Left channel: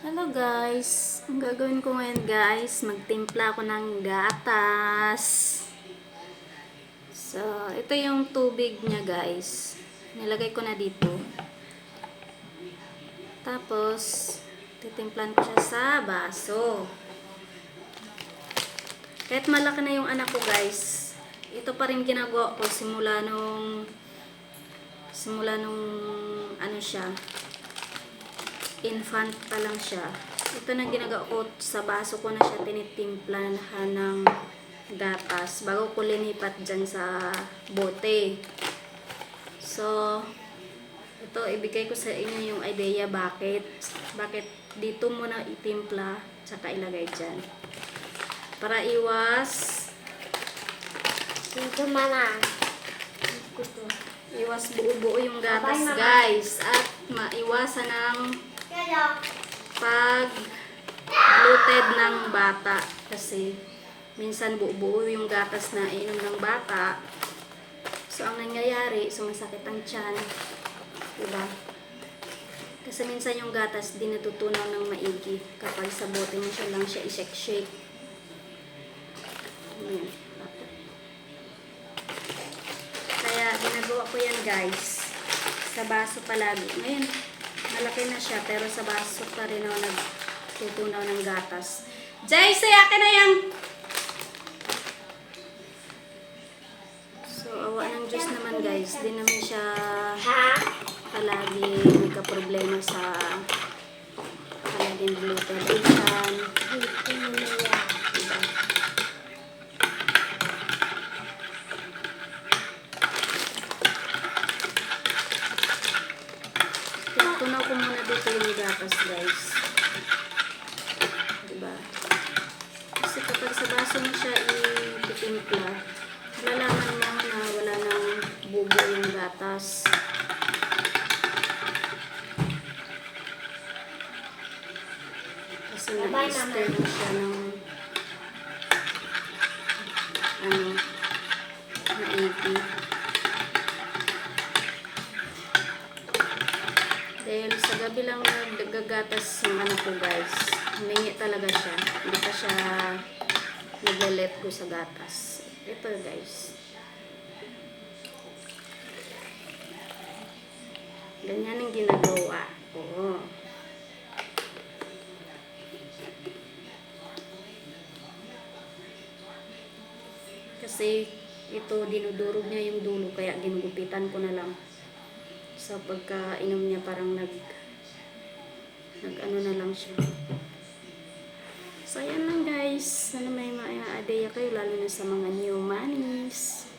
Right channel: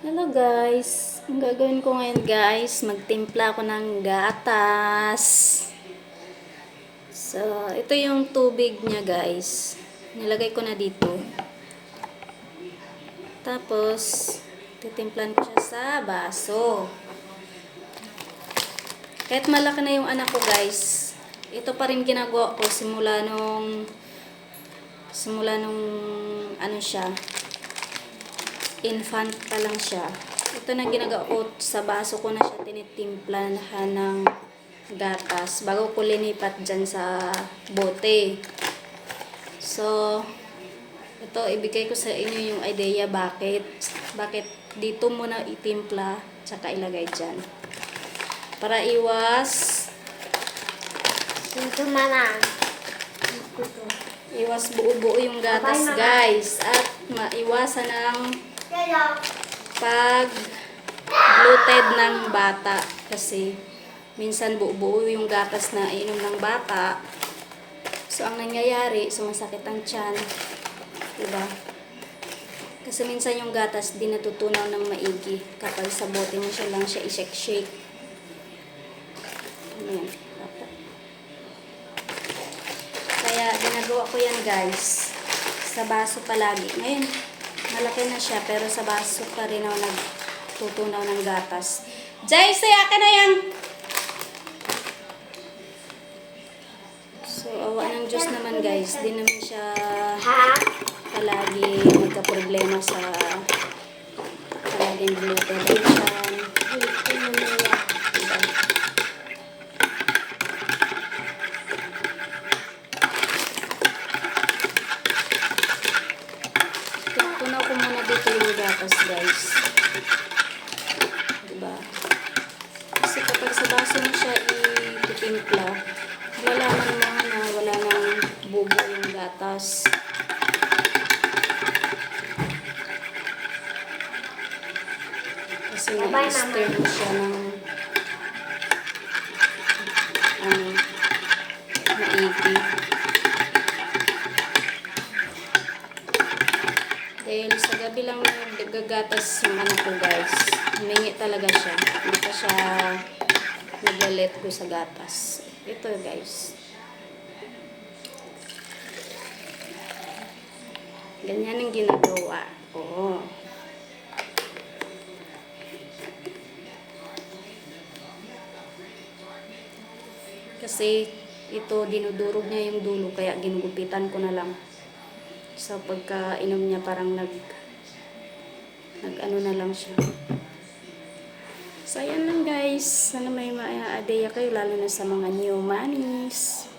Hello guys, ang gagawin ko ngayon guys, magtimpla ako ng gatas. So, ito yung tubig niya guys. Nilagay ko na dito. Tapos, titimplan ko siya sa baso. Kahit malaki na yung anak ko guys, ito pa rin ginagawa ko simula nung ano siya, infant pa lang siya. Ito na ginagawa ko, sa baso ko na siya tinitimplahan ng gatas bago ko linipat dyan sa bote. So, ito ibigay ko sa inyo yung idea bakit dito muna itimpla tsaka ilagay dyan. Para iwas buo-buo yung gatas guys, at maiwasan ng pag bloated ng bata kasi minsan buo-buo yung gatas na inom ng bata, so ang nangyayari sumasakit ang tiyan, diba? Kasi minsan yung gatas di natutunaw ng maigi kapag sa bote mo siya lang siya i-shake. Ayan. Kaya ginagawa ko yan guys sa baso palagi. Ngayon malaki na siya pero sa baso pa rin ako nagtutunaw ng gatas. Jay, akin na yan! So, awa ng Diyos naman guys, di naman siya palagi nagka-problema sa palaging bloated ang tiyan. Diba? Tunaw ko muna dito yung gatas guys. Diba? Kasi kapag sa baso mo siya ititimpla, malalaman mo na wala nang bubo yung gatas. Kasi na-stir mo siya ng maigi. Dahil sa gabi lang nagagatas yung anak ko guys. Humingi talaga siya. Hindi pa siya naglalet ko sa gatas. Ito guys. Ganyan ang ginagawa. Oo. Kasi ito dinudurog niya yung dulo kaya ginugupitan ko na lang. So pagka-inom niya parang nag ano na lang siya. So ayan lang guys. Sana may ma-idea kayo lalo na sa mga new mommies.